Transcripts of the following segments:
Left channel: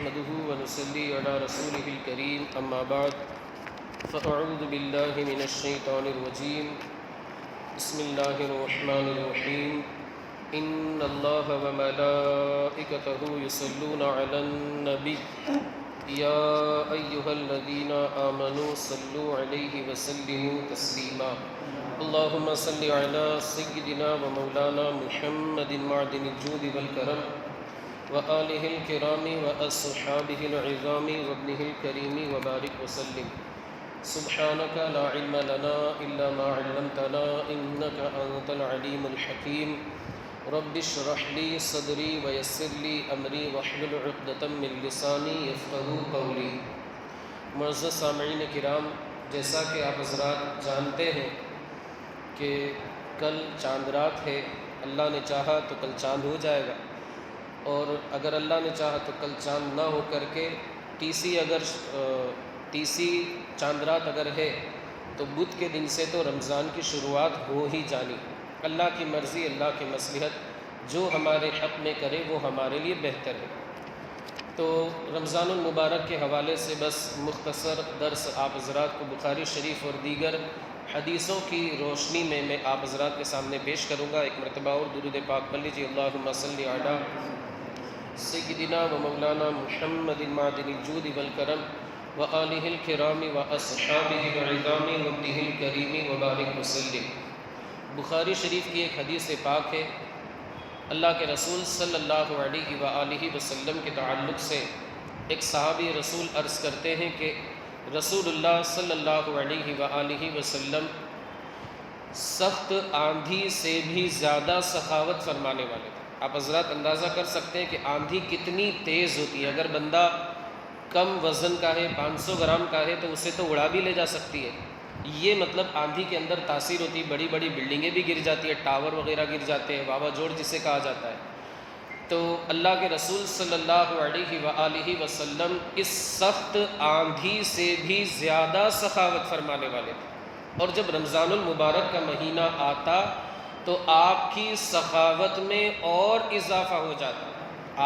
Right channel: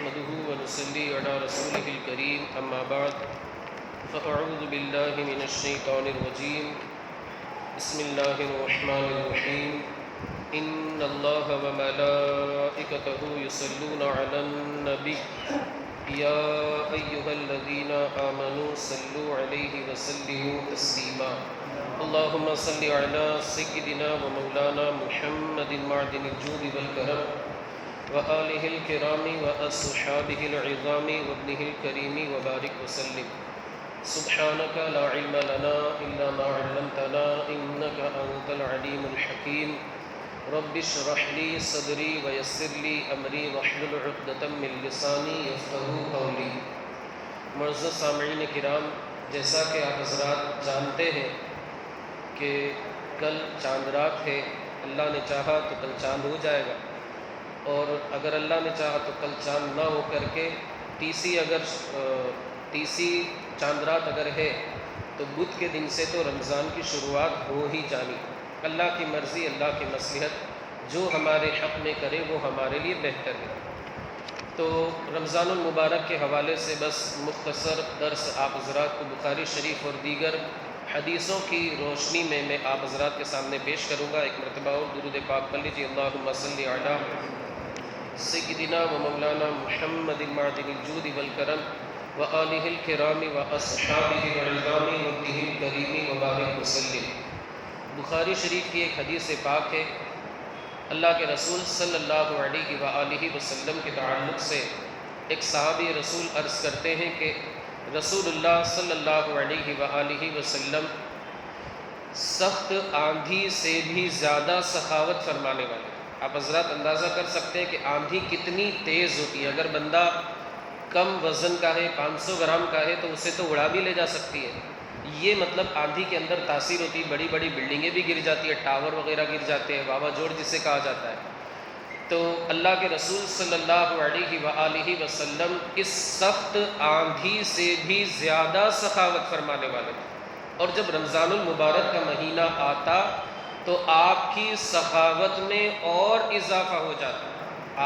نحمده ونصلي على رسوله الكريم أما بعد فأعوذ بالله من الشيطان الرجيم بسم الله الرحمن الرحيم إن الله وملائكته يصلون على النبي يا أيها الذين آمنوا صلوا عليه وسلموا تسليما اللهم صل على سيدنا ومولانا محمد معدن الجود والكرم وآله الكرام وأصحابه العظام وابنه الكريم وبارك وسلم سبحانك لا علم لنا إلا ما علمتنا إنك أنت العليم الحكيم رب اشرح لي صدري ويسر لي أمري واحلل عقدة من لساني يفقهوا قولي۔ معزز سامعین کرام، جیسا کہ آپ حضرات جانتے ہیں کہ کل چاند رات ہے، اللہ نے چاہا تو کل چاند ہو جائے گا، اور اگر اللہ نے چاہا تو کل چاند نہ ہو کر کے تیسری چاند رات اگر ہے تو بدھ کے دن سے تو رمضان کی شروعات ہو ہی جانی۔ اللہ کی مرضی، اللہ کی مصلحت، جو ہمارے حق میں کرے وہ ہمارے لیے بہتر ہے۔ تو رمضان المبارک کے حوالے سے بس مختصر درس آپ حضرات کو بخاری شریف اور دیگر حدیثوں کی روشنی میں آپ حضرات کے سامنے پیش کروں گا۔ ایک مرتبہ اور درود پاک پڑھ لیجیے، اللہم صلی علی سیدنا و مولانا محمد معدن الجود والکرم وآلہ الکرام واصحابہ العظام وابنہ الکریم وبارک وسلم۔ بخاری شریف کی ایک حدیث پاک ہے، اللہ کے رسول صلی اللہ علیہ وآلہ وسلم کے تعلق سے ایک صحابی رسول عرض کرتے ہیں کہ رسول اللہ صلی اللہ علیہ وآلہ وسلم سخت آندھی سے بھی زیادہ سخاوت فرمانے والے تھے۔ آپ حضرات اندازہ کر سکتے ہیں کہ آندھی کتنی تیز ہوتی ہے۔ اگر بندہ کم وزن کا ہے، 500 گرام کا ہے، تو اسے تو اڑا بھی لے جا سکتی ہے۔ یہ مطلب آندھی کے اندر تاثیر ہوتی ہے، بڑی بڑی بلڈنگیں بھی گر جاتی ہیں، ٹاور وغیرہ گر جاتے ہیں، واوا جوڑ جسے کہا جاتا ہے۔ تو اللہ کے رسول صلی اللہ علیہ وآلہ وسلم اس سخت آندھی سے بھی زیادہ سخاوت فرمانے والے تھے، اور جب رمضان المبارک کا مہینہ آتا تو آپ کی سخاوت میں اور اضافہ ہو جاتا،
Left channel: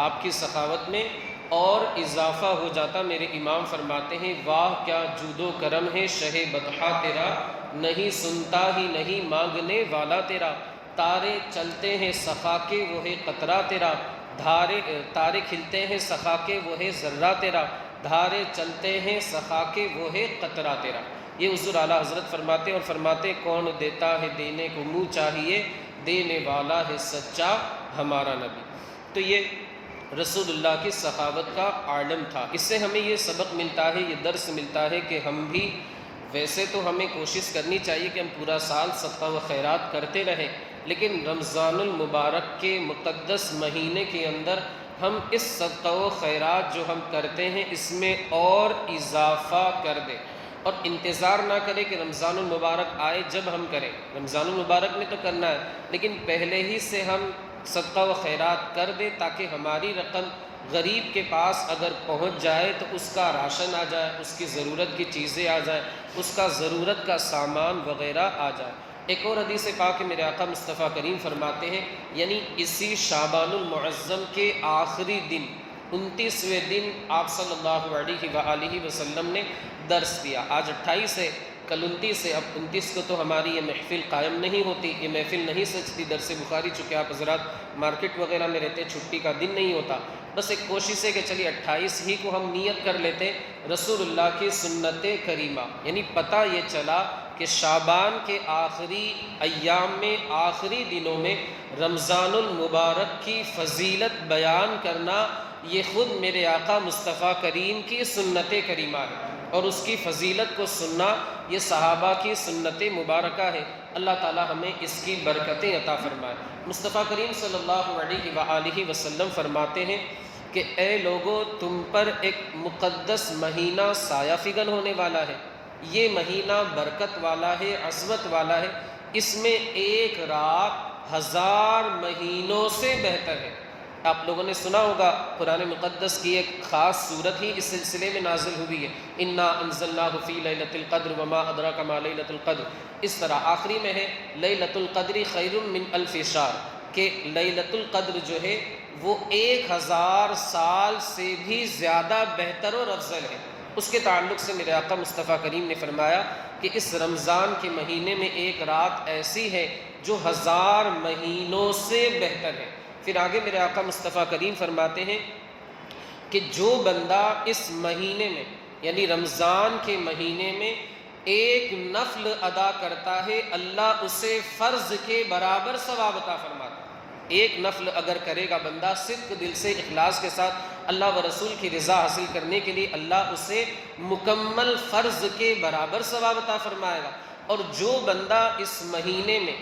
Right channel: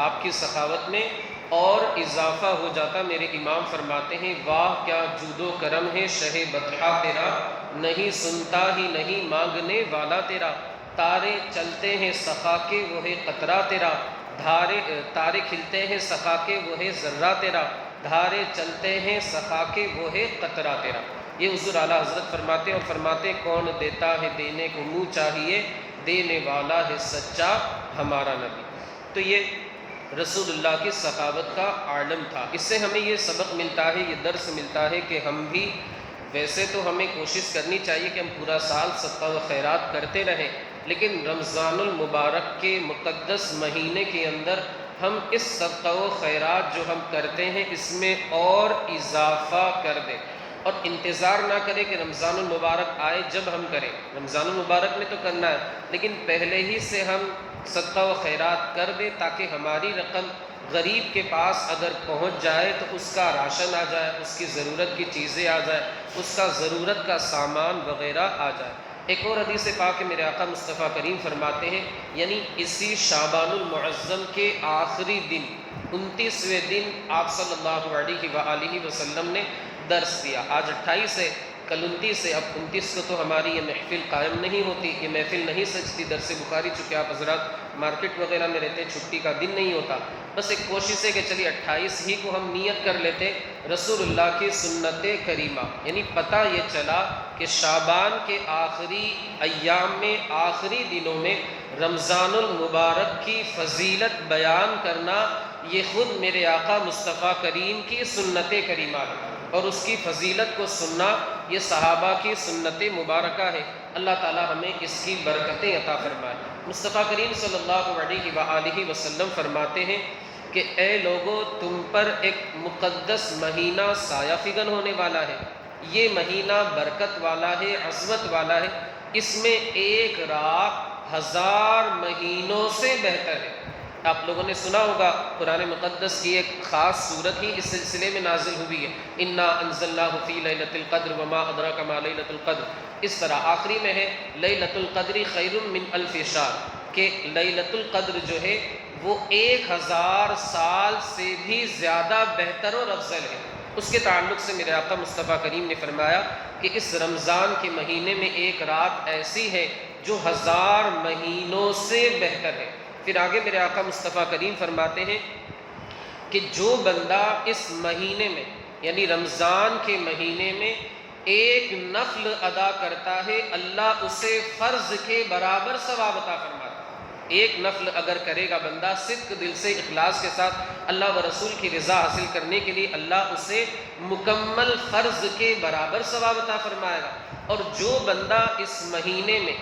آپ کی سخاوت میں اور اضافہ ہو جاتا۔ میرے امام فرماتے ہیں، واہ کیا جود و کرم ہے شہ بطحا تیرا، نہیں سنتا ہی نہیں مانگنے والا تیرا، تارے چلتے ہیں سخا کے وہ ہے قطرہ تیرا، تارے کھلتے ہیں سخا کے وہ ہے ذرہ تیرا، دھارے چلتے ہیں سخا کے وہ ہے قطرہ تیرا۔ یہ حضور اعلیٰ حضرت فرماتے ہیں، اور فرماتے کون دیتا ہے دینے کو منہ چاہیے، دینے والا ہے سچا ہمارا نبی۔ تو یہ رسول اللہ کی سخاوت کا عالم تھا۔ اس سے ہمیں یہ سبق ملتا ہے، یہ درس ملتا ہے کہ ہم بھی، ویسے تو ہمیں کوشش کرنی چاہیے کہ ہم پورا سال صدقہ و خیرات کرتے رہیں، لیکن رمضان المبارک کے مقدس مہینے کے اندر ہم اس صدقہ و خیرات جو ہم کرتے ہیں اس میں اور اضافہ کر دیں، اور انتظار نہ کریں کہ رمضان المبارک آئے جب ہم کریں۔ رمضان المبارک میں تو کرنا ہے، لیکن پہلے ہی سے ہم صدقہ و خیرات کر دیں تاکہ ہماری رقم غریب کے پاس اگر پہنچ جائے تو اس کا راشن آ جائے، اس کی ضرورت کی چیزیں آ جائے، اس کا ضرورت کا سامان وغیرہ آ جائے۔ ایک اور حدیث پاک میرے آقا مصطفیٰ کریم فرماتے ہیں، یعنی اسی شعبان المعظم کے آخری دن 29ویں دن آپ صلی اللہ علیہ وآلہ وسلم نے درس دیا۔ آج 28 ہے، کل 29 ہے، اب 29 کو تو ہماری یہ محفل قائم نہیں ہوتی، یہ محفل نہیں سجتی درس بخاری، چونکہ آپ حضرات مارکیٹ وغیرہ میں رہتے، چھٹی کا دن نہیں ہوتا۔ بس ایک کوشش ہے کہ چلیے 28 ہی کو ہم نیت کر لیتے رسول اللہ کی سنت کریمہ، یعنی پتہ یہ چلا کہ شعبان کے آخری ایام میں، آخری دنوں میں رمضان المبارک کی فضیلت بیان کرنا یہ خود میرے آقا مصطفیٰ کریم کی سنت کریمہ ہے، اور اس کی فضیلت کو سننا یہ صحابہ کی سنت مبارکہ ہے۔ اللہ تعالی ہمیں اس کی برکتیں عطا فرمائے۔ مصطفیٰ کریم صلی اللہ علیہ وآلہ وسلم فرماتے ہیں کہ اے لوگو، تم پر ایک مقدس مہینہ سایہ فگن ہونے والا ہے، یہ مہینہ برکت والا ہے، عظمت والا ہے، اس میں ایک رات 1000 مہینوں سے بہتر ہے۔ آپ لوگوں نے سنا ہوگا قرآن مقدس کی ایک خاص صورت ہی اس سلسلے میں نازل ہوئی ہے، انا انزلناہ فی لیلۃ القدر وما ادراک ما لیلۃ القدر۔ اس طرح آخری میں ہے لیلۃ القدر خیر من الف شہر، کہ لیلۃ القدر جو ہے وہ 1000 سال سے بھی زیادہ بہتر اور افضل ہے۔ اس کے تعلق سے میرے آقا مصطفیٰ کریم نے فرمایا کہ اس رمضان کے مہینے میں ایک رات ایسی ہے جو 1000 مہینوں سے بہتر ہے۔ پھر آگے میرے آقا مصطفیٰ کریم فرماتے ہیں کہ جو بندہ اس مہینے میں یعنی رمضان کے مہینے میں ایک نفل ادا کرتا ہے اللہ اسے فرض کے برابر ثواب عطا فرماتا ہے۔ ایک نفل اگر کرے گا بندہ صدق دل سے اخلاص کے ساتھ اللہ و رسول کی رضا حاصل کرنے کے لیے، اللہ اسے مکمل فرض کے برابر ثواب عطا فرمائے گا۔ اور جو بندہ اس مہینے میں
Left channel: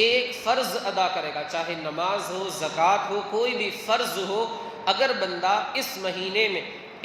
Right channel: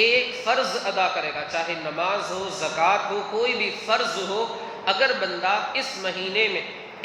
ایک فرض ادا کرے گا، چاہے نماز ہو، زکوٰۃ ہو، کوئی بھی فرض ہو، اگر بندہ اس مہینے میں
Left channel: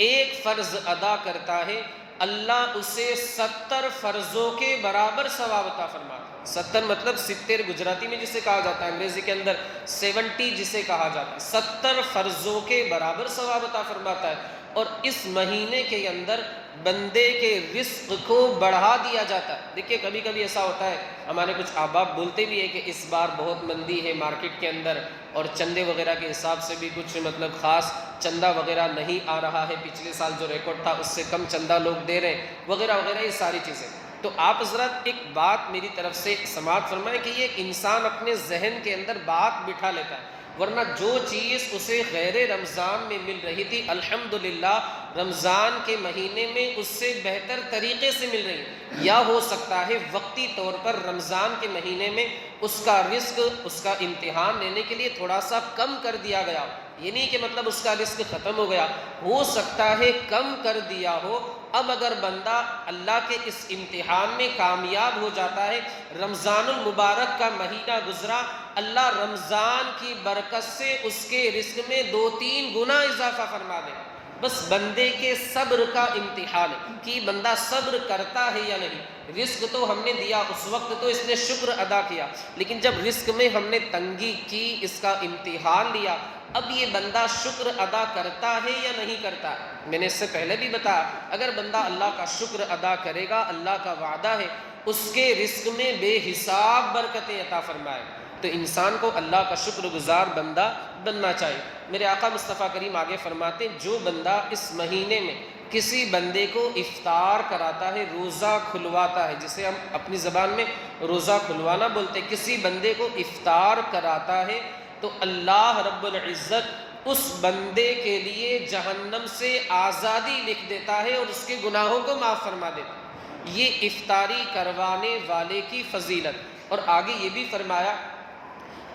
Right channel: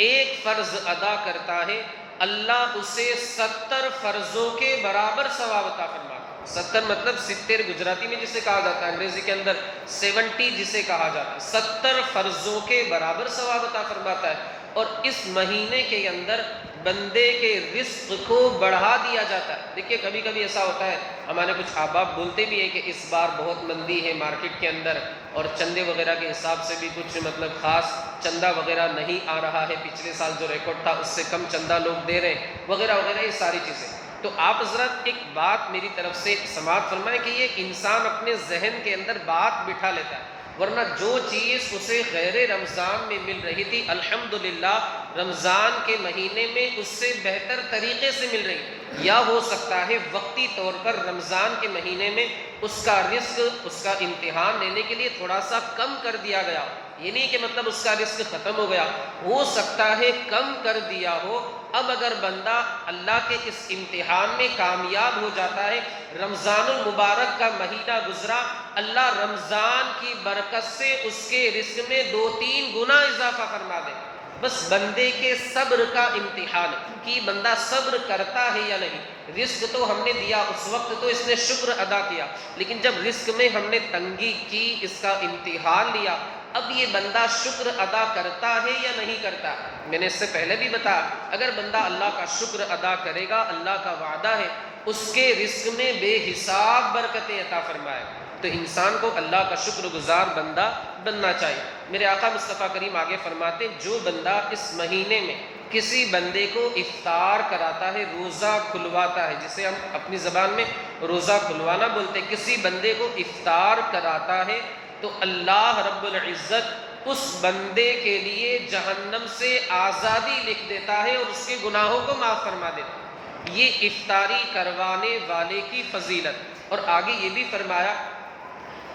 ایک فرض ادا کرتا ہے اللہ اسے 70 فرضوں کے برابر ثواب عطا فرماتا ہے۔ 70 مطلب 70 گجراتی میں جسے کہا جاتا ہے، انگریزی کے اندر 70 جسے کہا جاتا ہے، 70 فرضوں کے برابر ثواب عطا فرماتا ہے۔ اور اس مہینے کے اندر بندے کے رزق کو بڑھا دیا جاتا ہے۔ دیکھیے کبھی کبھی ایسا ہوتا ہے، ہمارے کچھ احباب بولتے بھی ہیں کہ اس بار بہت مندی ہے مارکیٹ کے اندر، اور چندے وغیرہ کے حساب سے بھی کچھ خاص چندہ وغیرہ نہیں آ رہا ہے، پچھلے سال جو ریکارڈ تھا اس سے کم چندہ لوگ دے رہے ہیں وغیرہ وغیرہ، یہ ساری چیزیں۔ تو آپ حضرات ایک بات میری طرف سے سماعت فرمائیں کہ یہ انسان اپنے ذہن کے اندر بات بٹھا لیتا ہے، ورنہ جو چیز اسے غیر رمضان میں مل رہی تھی الحمدللہ رمضان کے مہینے میں اس سے بہتر طریقے سے مل رہی ہے۔ یا ہو سکتا ہے وقتی طور پر رمضان کے مہینے میں اس کا رزق، اس کا امتحان لینے کے لیے تھوڑا سا کم کر دیا گیا، یہ نہیں کہ مطلب اس کا رزق ختم ہو گیا، ہو سکتا ہے کم کر دیا ہو۔ اب اگر بندہ اللہ کے اس امتحان میں کامیاب ہو جاتا ہے، رمضان المبارک کا مہینہ گزرا، اللہ رمضان کی برکت سے اس کے رزق میں 2-3 گنا اضافہ فرما دے۔ بس بندے کے صبر کا امتحان ہے کہ بندہ صبر کرتا ہے یا نہیں۔ رزق تو ہم نے دیا، اس وقت تو اس نے شکر ادا کیا، لیکن جب رزق میں ہم نے تنگی کی، اس کا امتحان لیا، اب یہ بندہ شکر ادا کرتا ہے یا نہیں کرتا۔ میں نے اس سے پہلے بھی بتایا اگر بندہ اللہ کا شکر ادا کرے گا، اللہ کا وعدہ ہے اس کے رزق میں بے حساب برکتیں عطا فرمائے۔ تو انسان کو اللہ کا شکر گزار بندہ بننا چاہیے۔ میرے آقا مصطفیٰ کریم آگے فرماتے ہیں جو بندہ اس مہینے میں کسی بندے کو افطار کراتا ہے، روزہ کھلواتا ہے، جسے ہم اپنی زبان میں روزہ کھلوانا بولتے ہیں، کسی بندے کو افطار کراتا ہے تو اللہ رب العزت اس بندے کے لیے جہنم سے آزادی لکھ دیتا ہے اور اس کے گناہوں کو معاف فرما دیتا ہے۔ یہ افطاری کروانے والے کی فضیلت۔ اور آگے یہ بھی فرمایا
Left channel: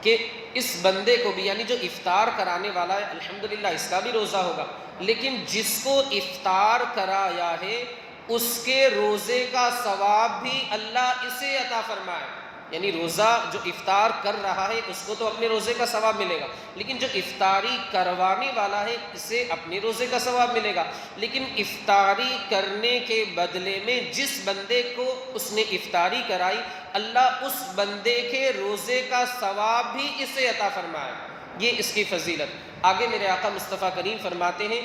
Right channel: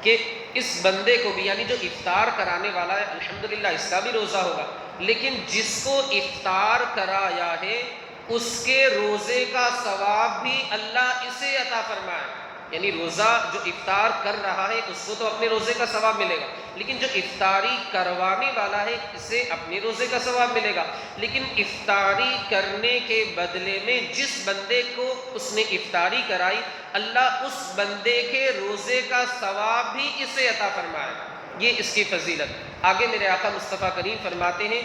کہ اس بندے کو بھی، یعنی جو افطار کرانے والا ہے الحمدللہ اس کا بھی روزہ ہوگا، لیکن جس کو افطار کرایا ہے اس کے روزے کا ثواب بھی اللہ اسے عطا فرمائے۔ یعنی روزہ جو افطار کر رہا ہے اس کو تو اپنے روزے کا ثواب ملے گا، لیکن جو افطاری کروانے والا ہے اسے اپنے روزے کا ثواب ملے گا۔ لیکن افطاری کرنے کے بدلے میں جس بندے کو اس نے افطاری کرائی اللہ اس بندے کے روزے کا ثواب بھی اسے عطا فرمائے، یہ اس کی فضیلت۔ آگے میرے آقا مصطفیٰ کریم فرماتے ہیں،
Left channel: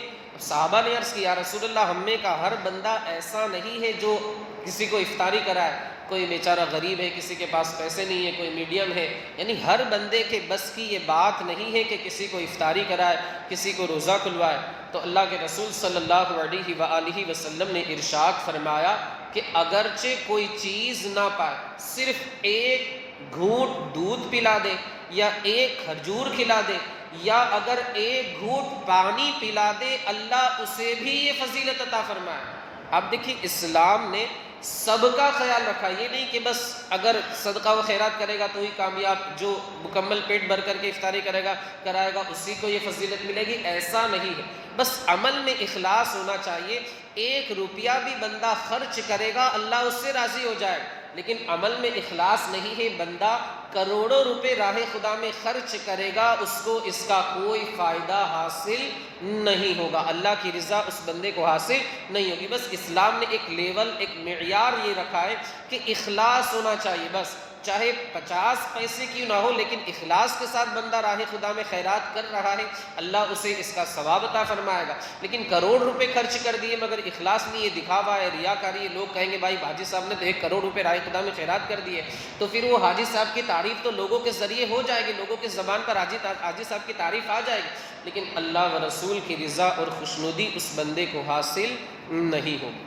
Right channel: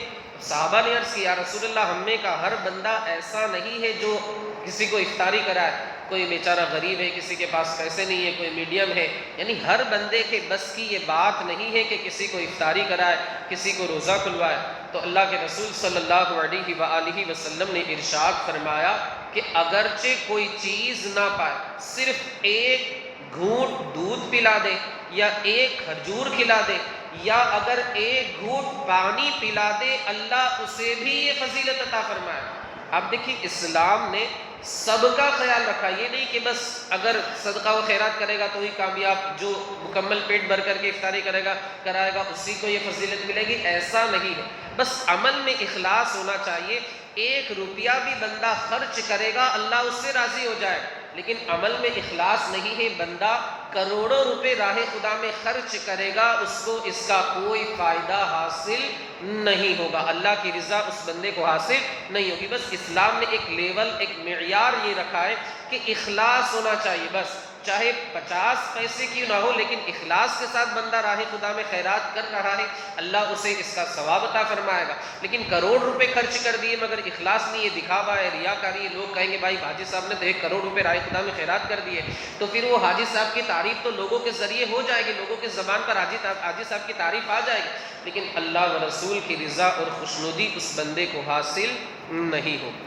صحابہ نے عرض کیا یا رسول اللہ ہم میں کا ہر بندہ ایسا نہیں ہے جو کسی کو افطاری کرائے، کوئی بیچارہ غریب ہے، کسی کے پاس پیسے نہیں ہے، کوئی میڈیم ہے، یعنی ہر بندے کے بس کی یہ بات نہیں ہے کہ کسی کو افطاری کرائے، کسی کو روزہ کھلوائے۔ تو اللہ کے رسول صلی اللہ علیہ وآلہ وسلم نے ارشاد فرمایا کہ اگرچہ کوئی چیز نہ پائے، صرف ایک گھونٹ دودھ پلا دے یا ایک کھجور کھلا دے یا اگر ایک گھونٹ پانی پلا دے اللہ اسے بھی یہ فضیلت عطا فرمائے۔ آپ دیکھیے اسلام نے سب کا خیال رکھا، یہ نہیں کہ بس اگر صدقہ و خیرات کرے گا تو ہی کامیاب، جو مکمل پیٹ بھر کر کے افطاری کرائے گا اسی کو یہ فضیلت ملے گی، ایسا نہیں ہے۔ بس عمل میں اخلاص ہونا چاہیے۔ 1 روپیہ بھی بندہ خرچ کرے گا اللہ اس سے راضی ہو جائے، لیکن عمل میں اخلاص نہیں ہے، بندہ کروڑوں روپے راہ خدا میں خرچ کرے گا اس کو اس کا کوئی فائدہ حاصل نہیں ہوگا، اللہ کی رضا اس بندے کو حاصل نہیں ہوگی۔ بس اسلام نے ایک لیول، ایک معیار یہ رکھا ہے کہ اخلاص ہونا چاہیے، بس چاہے 50 پیسے کیوں نہ ہو، لیکن اخلاص کے ساتھ بندہ راہ خدا میں خیرات کر رہا ہے، اللہ اسے اس کا ثواب عطا فرمائے گا۔ لیکن کروڑ روپے خرچ کر دیے مگر اخلاص نہیں ہے، دکھاوا ہے، ریاکاری ہے، لوگ کہیں گے بھائی حاجی صاحب نے تو 1 کروڑ روپے راہ خدا میں خیرات کر دیے، تو پھر وہ حاجی صاحب کی تعریف تو لوگوں کے ذریعے ہو جائے گی، لوگوں کی زبان پر حاجی صاحب کی تعریف آ جائے گی، لیکن اللہ و رسول کی رضا اور خوشنودی اس بندے کو حاصل نہیں ہوگی۔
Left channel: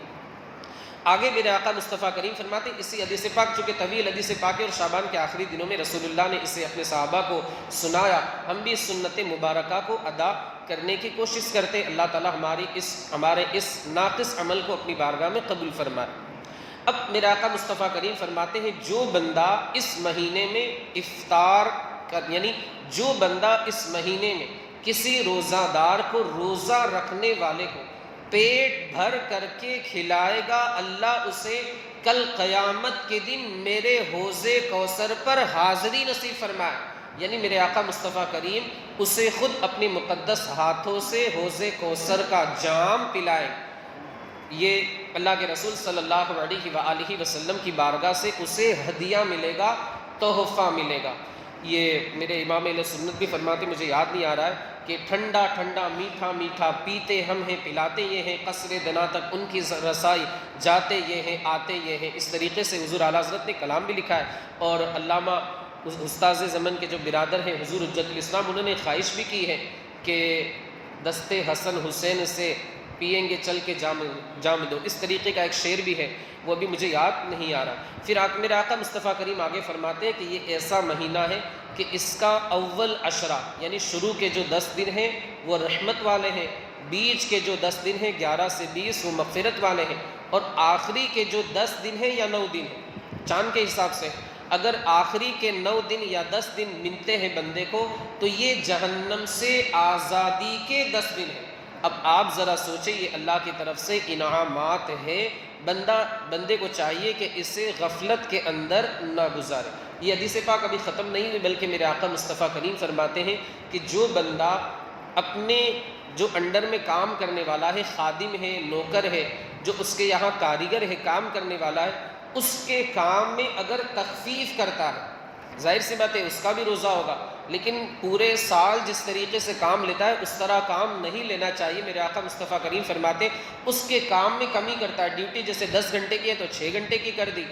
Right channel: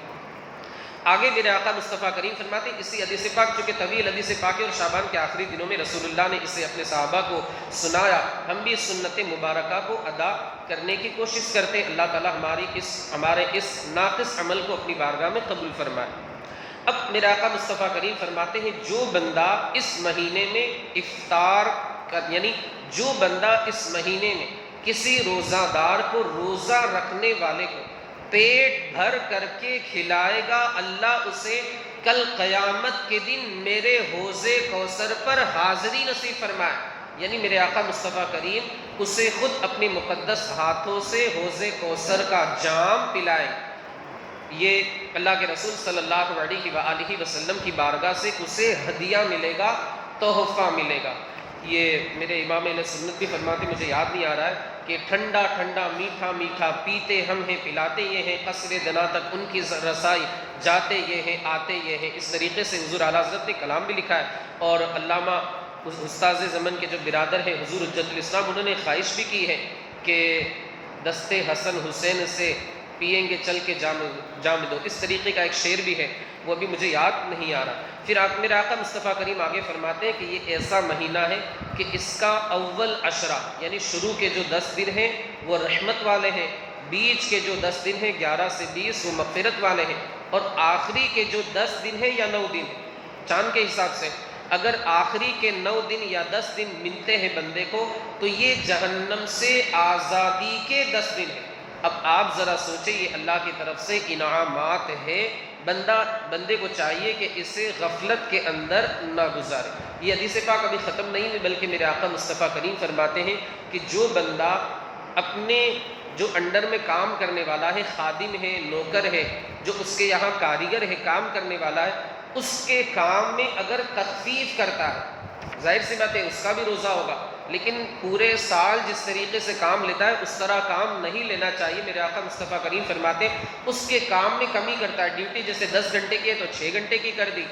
آگے میرے آقا مصطفیٰ کریم فرماتے ہیں، اسی حدیث پاک چونکہ طویل حدیث پاک ہے اور شعبان کے آخری دنوں میں رسول اللہ نے اسے اپنے صحابہ کو سنایا، ہم بھی اس سنت مبارکہ کو ادا کرنے کی کوشش کرتے ہیں۔ اللہ تعالی ہمارے اس ناقص عمل کو اپنی بارگاہ میں قبول فرمائے۔ اب میرے آقا مصطفیٰ کریم فرماتے ہیں، جو بندہ اس مہینے میں یعنی جو بندہ اس مہینے میں کسی روزہ دار کو، روزہ رکھنے والے کو پیٹ بھر کر کے کھلائے گا، اللہ اسے کل قیامت کے دن میرے حوض کوثر پر حاضری نصیب فرمائے۔ یعنی میرے آقا مصطفیٰ کریم اسے خود اپنے مقدس ہاتھوں سے حوض کوثر کا جام پلائے۔ یہ اللہ کے رسول صلی اللہ علیہ وآلہ وسلم کی بارگاہ سے اسے ہدیہ ملے گا، تحفہ ملے گا۔ یہ میرے امام اہل سنت بھی فرماتے، مجھے یاد نہیں آ رہا ہے، کہ ٹھنڈا ٹھنڈا میٹھا میٹھا پیتے ہم ہیں، پلاتے یہ ہیں، قصر دنا تک ان کی رسائی، جاتے یہ ہیں آتے یہ ہیں۔ اس طریقے سے حضور اعلیٰ حضرت نے کلام بھی لکھا ہے، اور علامہ استاذ زمن کے جو برادر ہیں حضور حجت الاسلام، انہوں نے خواہش بھی کی ہے کہ دستے حسن حسین سے پئیں گے چل کے جام دو، اس طریقے کا ایک شعر بھی ہے، وہ ابھی مجھے یاد نہیں آ رہا۔ پھر میرے آقا مصطفیٰ کریم آگے فرماتے ہیں کہ یہ ایسا مہینہ ہے کہ اس کا اول عشرہ یعنی شروع کے جو 10 دن ہیں وہ رحمت والے ہیں، بیچ کے جو 10 دن ہیں 11 سے 20 وہ مغفرت والے ہیں، اور آخری کے جو 10 دن ہیں یا 9 دن چاند کے حساب سے، اگر آخری کے 9 دن یا 10 دن ملتے ہیں بندے کو تو یہ جہنم سے آزادی کے 10 دن ہیں۔ اب آپ ذرا سوچیں، یہ اللہ کی طرف سے انعامات ہے، بندے کو چاہیے کہ اسے غفلت کے اندر نہ گزارے۔ یہ حدیث پاک ابھی ختم نہیں ہوئی، بلکہ میرے آقا مصطفیٰ کریم فرماتے ہیں کہ جو بندہ اپنے جو انڈر میں کام کرنے والا ہے، خادم ہے، نوکر ہے، جو اس کے یہاں کاریگر ہے، کام کرنے والا ہے، اس کے کام میں اگر تخفیف کرتا ہے، ظاہر سی بات ہے اس کا بھی روزہ ہوگا، لیکن پورے سال جس طریقے سے کام لیتا ہے اس طرح کام نہیں لینا چاہیے۔ میرے آقا مصطفیٰ کریم فرماتے ہیں اس کے کام میں کمی کرتا ہے، ڈیوٹی جیسے 10 گھنٹے کی ہے تو 6 گھنٹے کی کر دی۔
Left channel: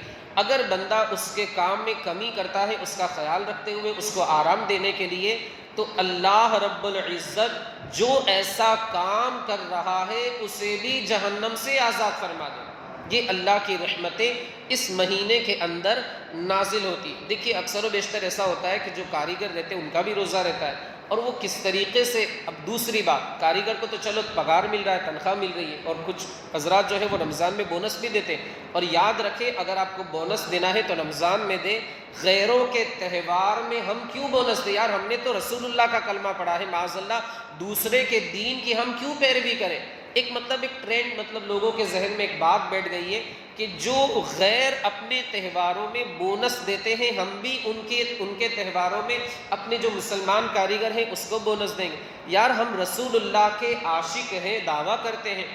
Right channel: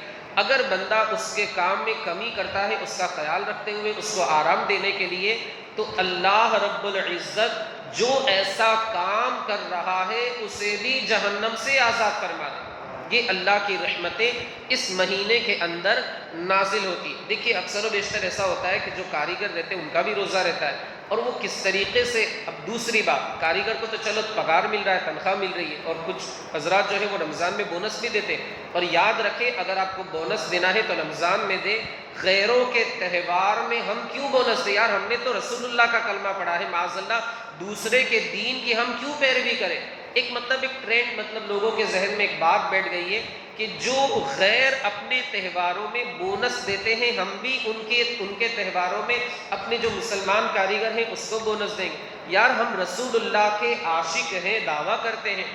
اگر بندہ اس کے کام میں کمی کرتا ہے، اس کا خیال رکھتے ہوئے اس کو آرام دینے کے لیے، تو اللہ رب العزت جو ایسا کام کر رہا ہے اسے بھی جہنم سے آزاد فرما دے۔ یہ اللہ کی رحمتیں اس مہینے کے اندر نازل ہوتی۔ دیکھیے اکثر و بیشتر ایسا ہوتا ہے کہ جو کاریگر رہتے ہیں ان کا بھی روزہ رہتا ہے، اور وہ کس طریقے سے، اب دوسری بات، کاریگر کو تو چلو پگار مل رہا ہے، تنخواہ مل رہی ہے، اور کچھ حضرات جو ہے وہ رمضان میں بونس بھی دیتے ہیں، اور یاد رکھیں اگر آپ کو بونس دینا ہے تو رمضان میں دے، غیروں کے تہوار میں ہم کیوں بونس دیں یار؟ ہم نے تو رسول اللہ کا کلمہ پڑھا ہے، معاذ اللہ دوسرے کے دین کی ہم کیوں پیروی کریں؟ ایک ٹرینڈ لوگوں کے ذہن میں ایک بات بیٹھ گئی ہے کہ جو غیر اپنے تہواروں میں بونس دیتے ہیں ہم بھی ان کے تہواروں میں اپنے جو مسلمان کاریگر ہیں اس کو بونس دیں گے۔ یار ہم رسول اللہ کے عاشق ہیں، دعویٰ کرتے ہیں،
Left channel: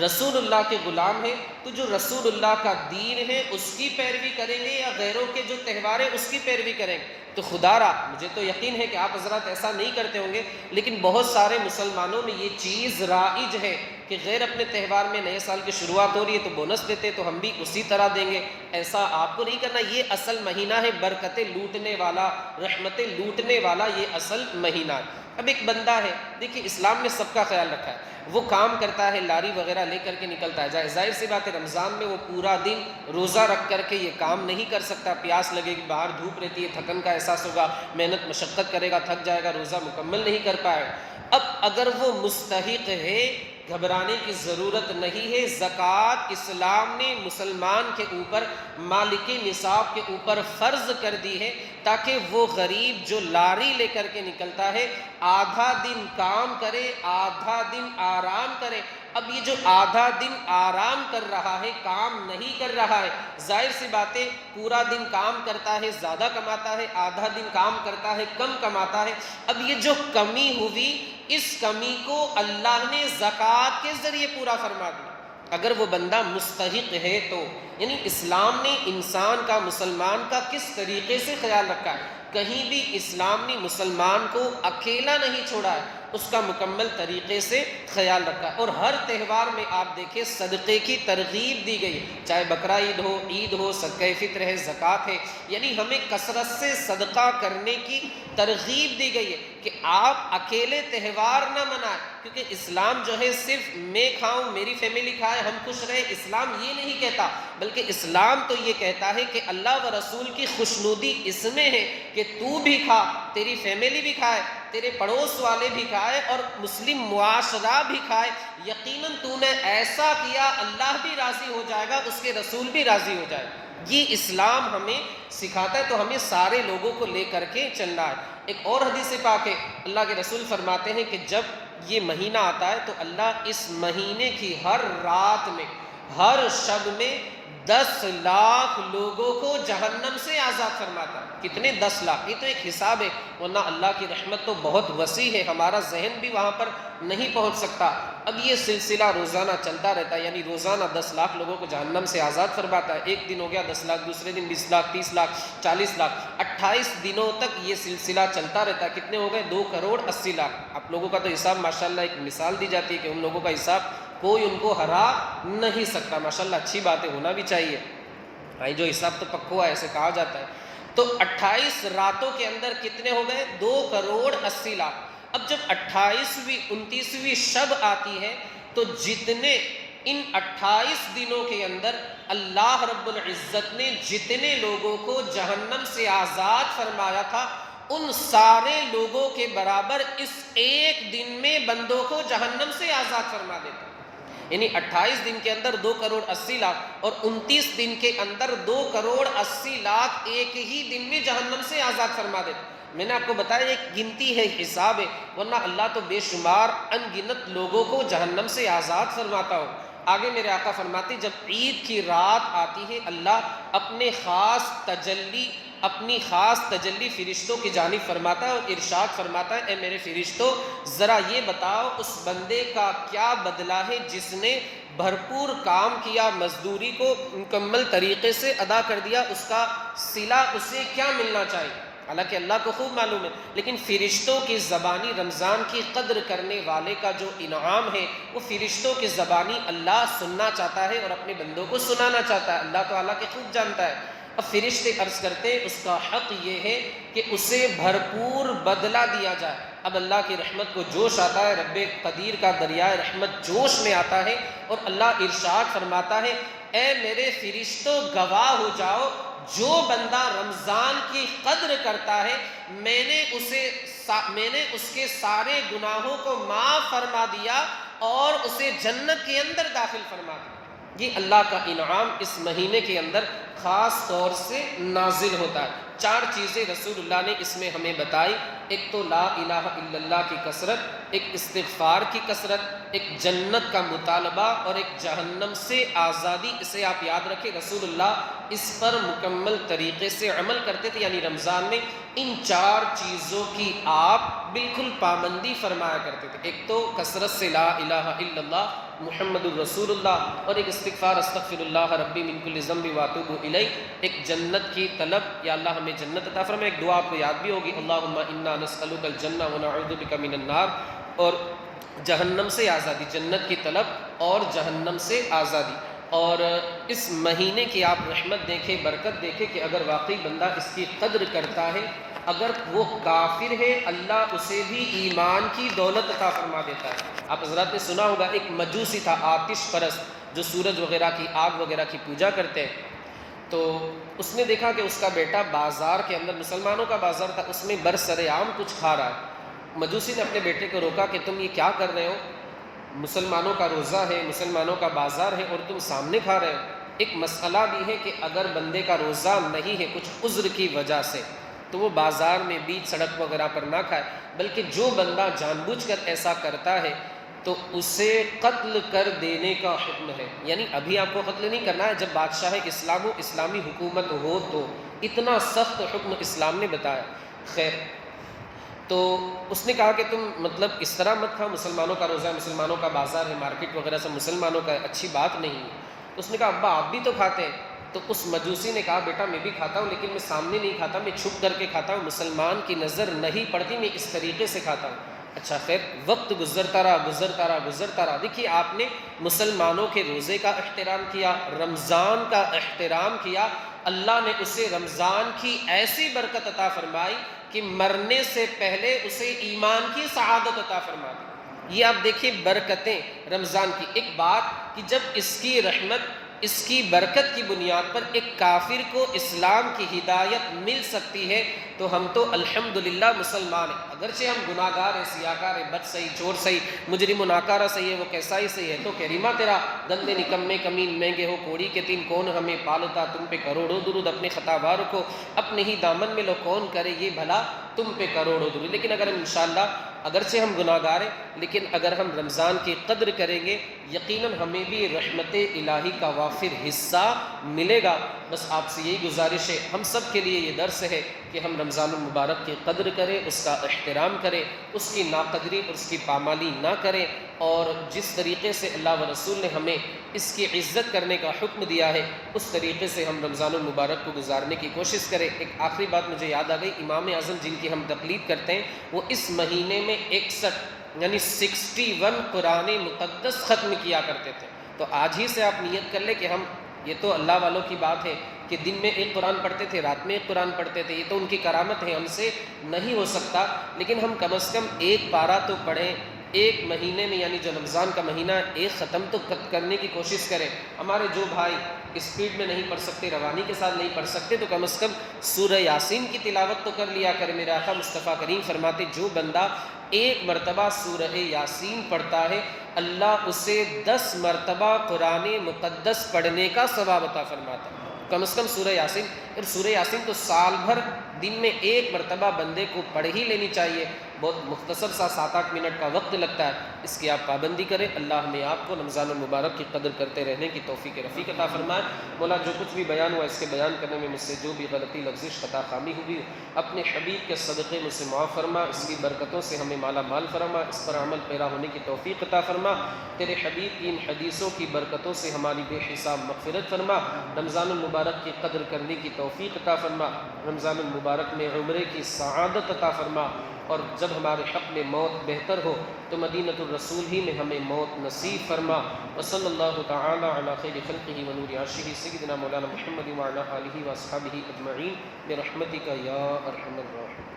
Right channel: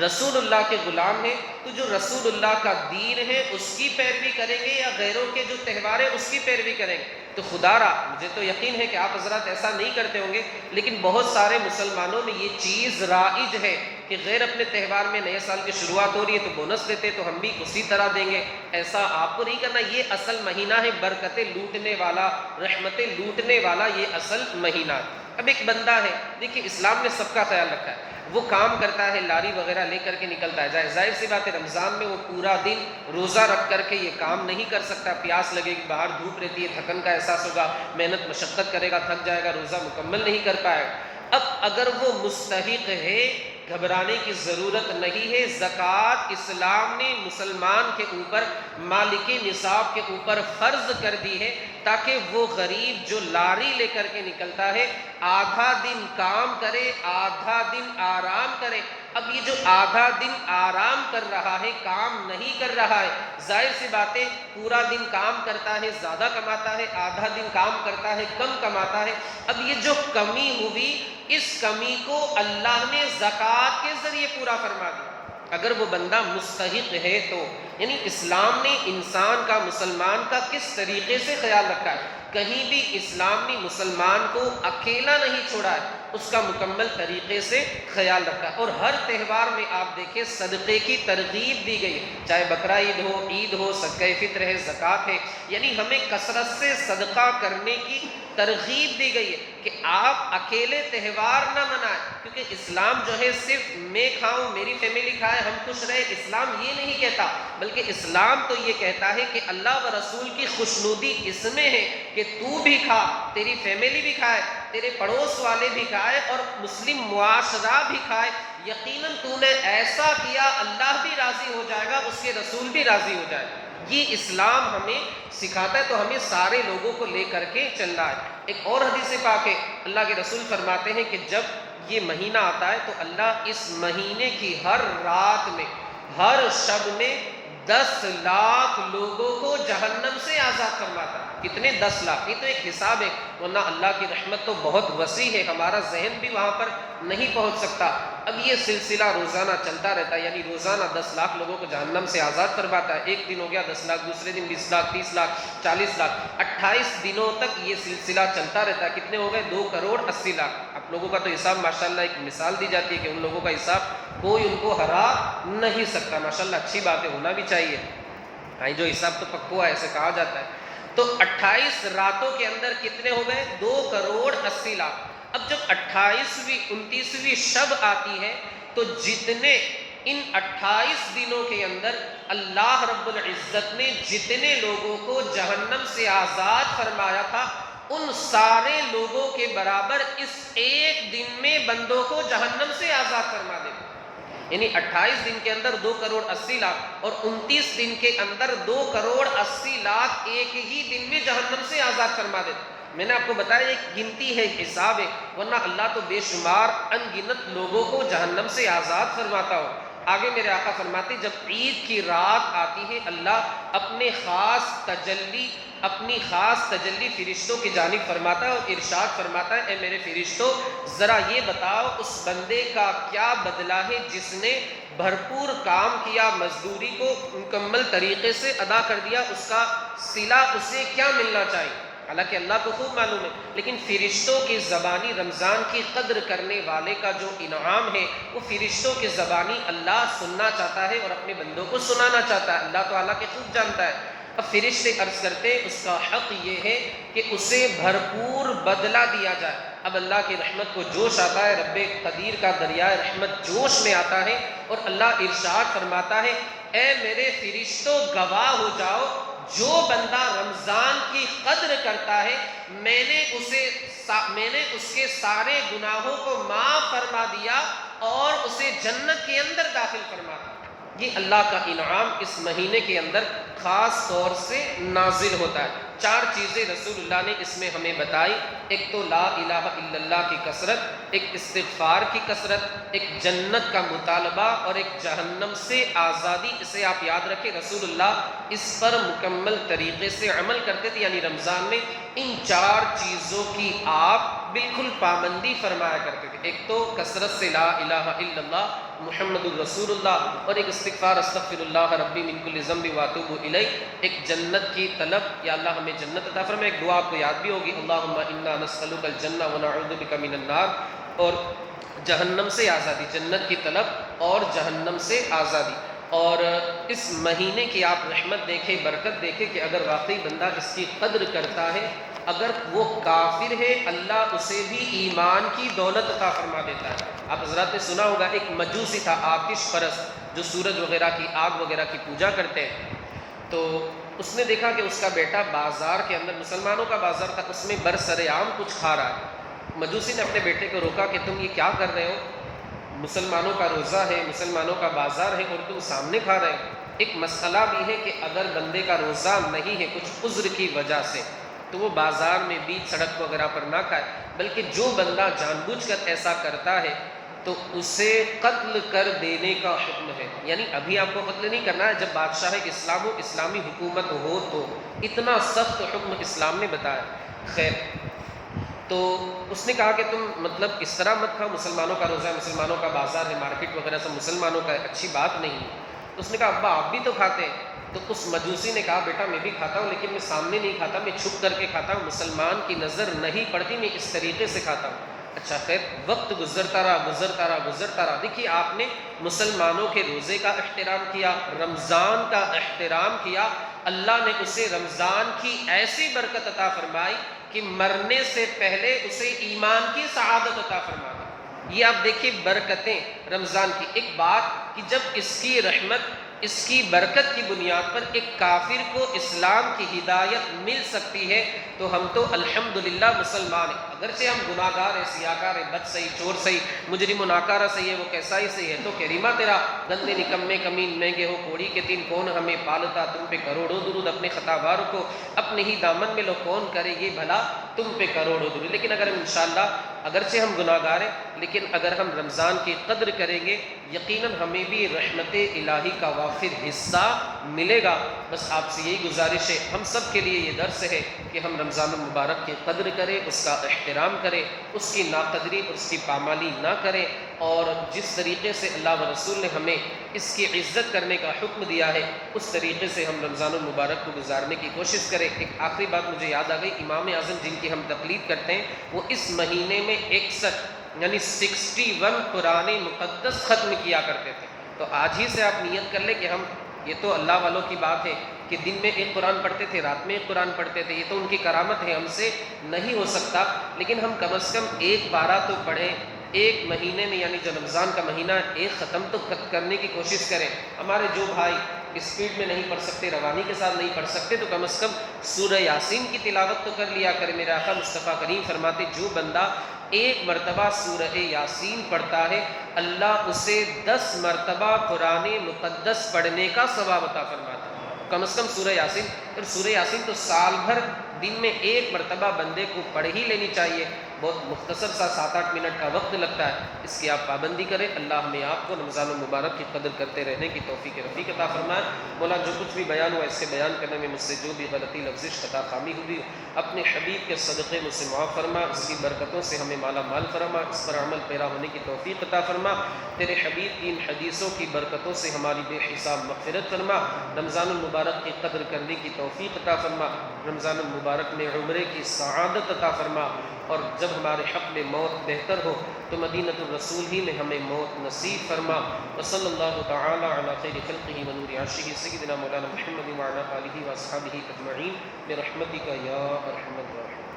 رسول اللہ کے غلام ہیں، تو جو رسول اللہ کا دین ہے اس کی پیروی کریں گے یا غیروں کے جو تہوار ہیں اس کی پیروی کریں گے؟ تو خدا را مجھے تو یقین ہے کہ آپ حضرات ایسا نہیں کرتے ہوں گے، لیکن بہت سارے مسلمانوں میں یہ چیز رائج ہے کہ غیر اپنے تہوار میں نئے سال کی شروعات ہو رہی ہے تو بونس دیتے تو ہم بھی اسی طرح دیں گے۔ ایسا آپ کو نہیں کرنا، یہ اصل مہینہ ہے برکتیں لوٹنے والا، رحمتیں لوٹنے والا، یہ اصل مہینہ ہے۔ اب ایک بندہ ہے، دیکھیے اسلام نے سب کا خیال رکھا ہے، وہ کام کرتا ہے، لاری وغیرہ لے کر کے نکلتا ہے، ظاہر سی بات ہے رمضان میں وہ پورا دن روزہ رکھ کر کے یہ کام نہیں کر سکتا، پیاس لگے گی، باہر دھوپ رہتی ہے، تھکن کا احساس ہوگا، محنت مشقت کرے گا، تھک جائے گا، روزہ مکمل نہیں کر پائے گا۔ اب اگر وہ مستحق ہے، گھبرانے کی ضرورت نہیں ہے، زکوٰۃ اسلام نے مسلمان کے اوپر، مالک نصاب کے اوپر فرض کر دی ہے، تاکہ وہ غریب جو لاری لے کر کے نکلتا ہے آدھا دن کام کرے، آدھا دن آرام کرے۔ اب یہ جو آدھا دن آرام کر رہا ہے، کام نہیں کر رہا ہے، ظاہر سی باتیں پورا دن کام کرتا ہے زیادہ کماتا ہے، آدھا دن کام کرتا ہے کم کماتا ہے۔ اب یہ جو کمی ہوئی، اس کمی کو اللہ نے زکوٰۃ کے ذریعے پورا فرما دیا۔ اگر وہ بندہ مستحق ہے تو، یعنی اسلام نے انسان کا، مسلمان کا کس طریقے سے خیال رکھا ہے، کہیں بھی اسلام نے مسلمان کو اکیلا نہیں چھوڑا ہے، اس کا مکمل طریقے سے خیال رکھا ہے۔ اور ہر تہوار میں آپ دیکھیں صدقے کی ترغیب دی گئی ہے، چاہے بقرہ عید ہو، صدقہ فطر ہے، زکوٰۃ ہے، یعنی ہمیں کثرت سے صدقہ کرنے کی ترغیب دی گئی ہے کہ آپ اکیلے تہوار نہ منائیں، کیونکہ اسلام جو ہے صرف میں کھاؤں، میری فیملی کھائے، ہم خوش رہے، اسلام یہ نہیں کہتا، بلکہ اسلام تو یہ کہتا ہے کہ اللہ و رسول کی خوشنودی اس میں ہے کہ تو بھی کھا، تیری فیملی بھی کھائے، تیرے پڑوس والے بھی کھائے، اور مسلم معاشرہ بھی کھائے، یقیناً تو نے ایسا کیا اللہ بھی راضی ہو جائے گا، اس کے رسول بھی راضی ہو جائے گا۔ یہ اسلام ہمیں سکھاتا ہے، تو ہمیں سارے لوگوں کو لے کر کے چلنا ہے۔ ایک اور حدیث پاک ہے، اللہ کے رسول فرماتے ہیں کہ جب یہ مہینہ آتا ہے تو اللہ اس مہینے کی ہر رات میں، ہر شب میں 10 لاکھ لوگوں کو جہنم سے آزاد فرماتا ہے۔ کتنے؟ 10 لاکھ۔ یہ تو ایک حساب ہے، ورنہ اللہ کی رحمت تو بہت وسیع ہے، ہمارا ذہن بھی وہاں پر نہیں پہنچ سکتا۔ اب یہ سلسلہ روزانہ چلتا رہتا ہے، یعنی روزانہ 10 لاکھ لوگوں کو جہنم سے آزاد فرماتا ہے۔ ایک دن ہو گیا 10 لاکھ، دوسرے دن 20 لاکھ، 30 لاکھ، 40 لاکھ، 28 دنوں تک یہ سلسلہ چلتا رہتا ہے۔ کتنے ہو گئے؟ 2 کروڑ 80 لاکھ۔ آپ لوگوں کا تو حساب ماشاءاللہ ایک مثال دی جاتی ہے کہ ان لوگوں کا حساب کوئی ان کو ہرا نہیں سکتا، ماشاءاللہ اچھی بات ہے، ہونا بھی چاہیے، ہاں جو حساب تو پکا ہے ایسے کہا جاتا ہے۔ تو 28 راتوں کے اندر کتنے ہو گئے؟ 2 کروڑ 80 لاکھ۔ اب جب 28ویں 29ویں شب آتی ہے تو جتنے ان 28 دنوں کے اندر اللہ رب العزت نے جتنے لوگوں کو جہنم سے آزاد فرمایا تھا، ان سارے لوگوں کے برابر اس ایک دن میں بندوں کو جہنم سے آزاد فرما دیتا، یعنی 28 دن کے اندر 2 کروڑ 80 لاکھ اور 29 دن کے اندر 2 کروڑ 80 لاکھ ایک ہی دن میں جہنم سے آزاد فرما دیتا۔ میں نے آپ کو بتایا ایک گنتی ہے، حساب ہے، ورنہ اللہ تو بے شمار ان گنت لوگوں کو جہنم سے آزاد فرماتا ہو۔ آگے میرے آقا فرماتے جب عید کی رات آتی ہے، اللہ اپنی خاص تجلی فرشتوں کی جانب فرماتا ہے اور ارشاد فرماتا ہے، اے میرے فرشتوں ذرا یہ بتاؤ اس بندے کا کیا بدلہ ہے جس نے بھرپور کام کیا، مزدوری کو مکمل طریقے سے ادا کر دیا، اس کا صلہ اسے کیا ملنا چاہیے۔ حالانکہ اللہ کو خوب معلوم ہے، لیکن فرشتوں کی زبانی رمضان کی قدر کرنے والے کا جو انعام ہے وہ فرشتوں کی زبانی اللہ سننا چاہتا ہے اور اپنے بندوں کو سنانا چاہتا ہے، اللہ تعالیٰ کے خوب جانتا ہے۔ اب فرشتے عرض کرتے اس کا حق یہ ہے کہ اسے بھرپور بدلہ دیا جائے۔ اب اللہ کی رحمت کو جوش آتا ہے، رب قدیر کا دریائے رحمت جوش میں آتا ہے اور اللہ ارشاد فرماتا ہے، اے میرے فرشتوں گواہ ہو جاؤ، جو بندہ رمضان کی قدر کرتا ہے میں نے اس کے سارے گناہوں کو معاف فرما دیا اور اسے جنت کے اندر داخل فرما دیا۔ یہ اللہ کا انعام اس مہینے کے اندر خاص طور سے نازل ہوتا ہے۔ 4 چیزیں رسول اللہ نے اس میں ہمیں بتائی، ایک تو لا الہ الا اللہ کی کثرت، ایک استغفار کی کثرت، ایک جنت کا مطالبہ اور ایک جہنم سے آزادی۔ اسے آپ یاد رکھیں، رسول اللہ اس پر مکمل طریقے سے عمل کرتے تھے، یعنی رمضان میں ان 4 چیزوں کی آپ بالکل پابندی فرمایا کرتے تھے۔ ایک تو کثرت سے لا الہ الا اللہ محمد الرسول اللہ، اور ایک استغفار استغفر اللہ ربی من کل ذنب واتوب الیہ، ایک جنت کی طلب، یا اللہ ہمیں جنت عطا فرمائے۔ ایک دعا آپ کو یاد بھی ہوگی، اللہم انا نسألک الجنہ ونعوذ بک من النار، اور جہنم سے آزادی، جنت کی طلب اور جہنم سے آزادی۔ اور اس مہینے کی آپ رحمت دیکھیں، برکت دیکھیں کہ اگر واقعی بندہ اس کی قدر کرتا ہے، اگر وہ کافر ہے اللہ اسے بھی ایمان کی دولت عطا فرما دیتا ہے۔ آپ حضرات نے سنا ہوگا ایک مجوسی تھا، آتش پرست، جو سورج وغیرہ کی، آگ وغیرہ کی پوجا کرتے ہیں، تو اس نے دیکھا کہ اس کا بیٹا بازار کے اندر، مسلمانوں کا بازار تھا، اس میں برسر عام کچھ کھا رہا ہے۔ مجوسی نے اپنے بیٹے کو روکا کہ تم یہ کیا کر رہے ہو، مسلمانوں کا روزہ ہے، مسلمانوں کا بازار ہے اور تم سامنے کھا رہے ہو۔ ایک مسئلہ بھی ہے کہ اگر بندے کا روزہ نہیں ہے کچھ عذر کی وجہ سے، تو وہ بازار میں بیچ سڑک وغیرہ پر نہ کھائے، بلکہ جو بندہ جان بوجھ کر ایسا کرتا ہے تو اسے قتل کر دینے کا حکم ہے۔ یعنی ابھی آپ کو قتل نہیں کرنا ہے، جب بادشاہ اسلام ہو، اسلامی حکومت ہو، تو اتنا سخت حکم اسلام نے بتایا۔ خیر، تو اس نے کہا کہ تم مطلب اس طرح مت کھاؤ، مسلمانوں کا روزہ ہے، مسلمانوں کا بازار ہے، مارکیٹ وغیرہ سب مسلمانوں کا ہے، اچھی بات نہیں ہے۔ تو اس نے کہا ابا آپ بھی تو کھاتے ہیں۔ تو اس مجوسی نے کہا بیٹا میں بھی کھاتا ہوں، لیکن میں سامنے نہیں کھاتا، میں چھپ کر کے کھاتا ہوں، مسلمان کی نظر نہیں پڑتی، میں اس طریقے سے کھاتا ہوں۔ اچھا خیر، وقت گزرتا رہا۔ دیکھیے آپ نے مسلمانوں کے روزے کا احترام کیا، رمضان کا احترام کیا، اللہ نے اسے رمضان کی ایسی برکت عطا فرمائی کہ مرنے سے پہلے اسے ایمان کی سعادت عطا فرما دی۔ یہ آپ دیکھیے برکتیں رمضان کی۔ ایک بات کہ جب اس کی رحمت، اس کی برکت کی بنیاد پر ایک کافر کو اسلام کی ہدایت مل سکتی ہے تو ہم تو الحمدللہ مسلمان ہیں۔ اگرچہ ہم گناہ گار ہیں، سیاکار ہیں، بد صحیح، چور صحیح، مجرم و ناکارہ صحیح ہے، وہ کیسا ہی صحیح ہے، تو کریمہ تیرا گندے نکمے کمین مہنگے ہو کوڑی کے تین، کون ہمیں پالتا، تم پہ کروڑوں درود، اپنے خطا باروں کو اپنے ہی دامن میں لو، کون کرے یہ بھلا تم پہ کروڑوں درود۔ لیکن اگر ہم انشاءاللہ اگرچہ ہم گناہ گار ہیں، لیکن اگر ہم رمضان کی قدر کریں گے یقیناً ہمیں بھی رحمت الہی کا وافر حصہ ملے گا۔ بس آپ سے یہی گزارش ہے، ہم سب کے لیے یہ درس ہے کہ ہم رمضان المبارک کی قدر کریں، اس کا احترام کریں، اس کی ناقدری اور اس کی پامالی نہ کریں، اور جس طریقے سے اللہ و رسول نے ہمیں اس کی عزت کرنے کا حکم دیا ہے اس طریقے سے ہم رمضان المبارک کو گزارنے کی کوشش کریں۔ ایک آخری بات مجھے یاد آ گئی، امام اعظم جن کی ہم تقلید کرتے ہیں وہ اس مہینے میں 61 یعنی 61 قرآن مقدس ختم کیا کرتے تھے۔ تو آج ہی سے آپ نیت کر لیں کہ ہم، یہ تو اللہ والوں کی بات ہے کہ دن میں ایک قرآن پڑھتے تھے، رات میں ایک قرآن پڑھتے تھے، یہ تو ان کی کرامت ہے، ہم سے نہیں ہو سکتا، لیکن ہم کم از کم ایک پارہ تو پڑھیں ایک مہینے میں، یعنی جو رمضان کا مہینہ ہے ایک ختم تو کرنے کی کوشش کریں۔ ہمارے جو بھائی اسپیڈ میں نہیں پڑھ سکتے، روانی کے ساتھ نہیں پڑھ سکتے، تو کم از کم سورہ یاسین کی تلاوت تو کر لیا کرے۔ میرے آقا مصطفیٰ کریم فرماتے جو بندہ ایک مرتبہ سورہ یاسین پڑھتا ہے اللہ اسے 10 مرتبہ قرآن مقدس پڑھنے کا ثواب عطا فرماتا ہے۔ کم از کم سورہ یاسین، اور سورہ یاسین تو سال بھر دن میں ایک مرتبہ بندے کو پڑھ ہی لینی چاہیے، بہت مختصر سا 7-8 منٹ کا وقت لگتا ہے، اس کی آپ پابندی کریں۔ اللہ ہمیں آپ کو رمضان المبارک کی قدر کرتے رہنے کی توفیق رفیق عطا فرمائے۔ مولا جو کچھ بھی بیان ہوا اس کے بیان کرنے میں مجھ سے جو بھی غلطی لفظش خطا خامی ہوئی اپنے حبیب کے صدقے مجھ سے معاف فرما، اس کی برکتوں سے ہمیں مالا مال فرما، اس پر عمل پیرا ہونے کی توفیق عطا فرما، تیرے حبیب کی ان حدیثوں کی برکتوں سے ہماری بے حساب مغفرت فرما، رمضان المبارک کی قدر کرنے کی توفیق عطا فرما، رمضان المبارک میں عمرے کی سعادت عطا فرما، اور جب ہمارے حق میں موت بہتر ہو تو مدینۃ الرسول ہی میں ہمیں موت نصیب فرما۔ وصلی اللہ تعالی علی خیر خلقہ ونور عرشہ سیدنا مولانا محمد وعلی آلہ واصحابہ اجمعین برحمتک یا ارحم الراحمین۔